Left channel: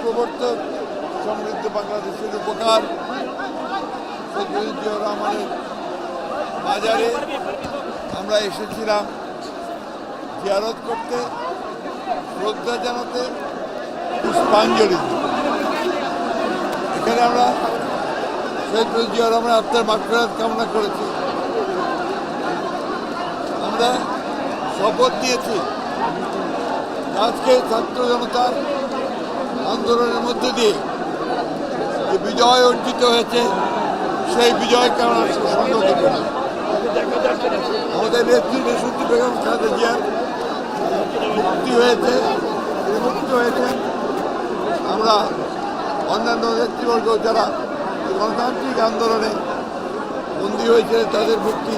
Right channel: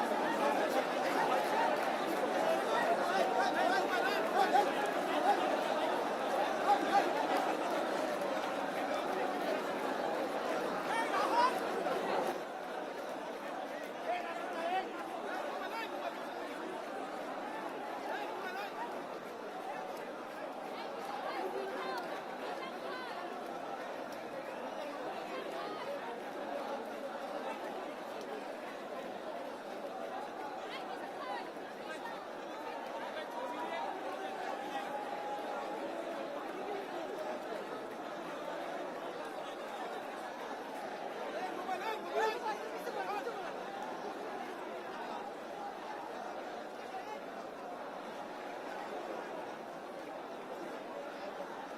প্রবর্তক সমৃদ্ধ বাংলাদেশের উপকার জিয়াউর রহমানের বাজারে আমরা এসেছিলাম জিয়ারত করতে, শ্রদ্ধা জানাতে, পুষ্পাঞ্জলি দিতে। এখানে আমরা শহীদ জিয়াউর রহমানের আত্মার মাগফিরাত কামনা করেছি। আমরা শপথ নিয়েছি আজকে ছাত্র জনতার আন্দোলনের মধ্যে দিয়ে যে বিজয় অর্জিত হয়েছে সেই বিজয়কে আমরা সঙ্গ দেব না। আমাদের নেত্রী দেশনেত্রী বেগম খালেদা জিয়ার মুক্তি হয়েছে, আমরা অন্যান্য নেতৃবর্গ যারা গণতান্ত্রিক আন্দোলনে বন্দী হয়েছে তাদের মুক্তি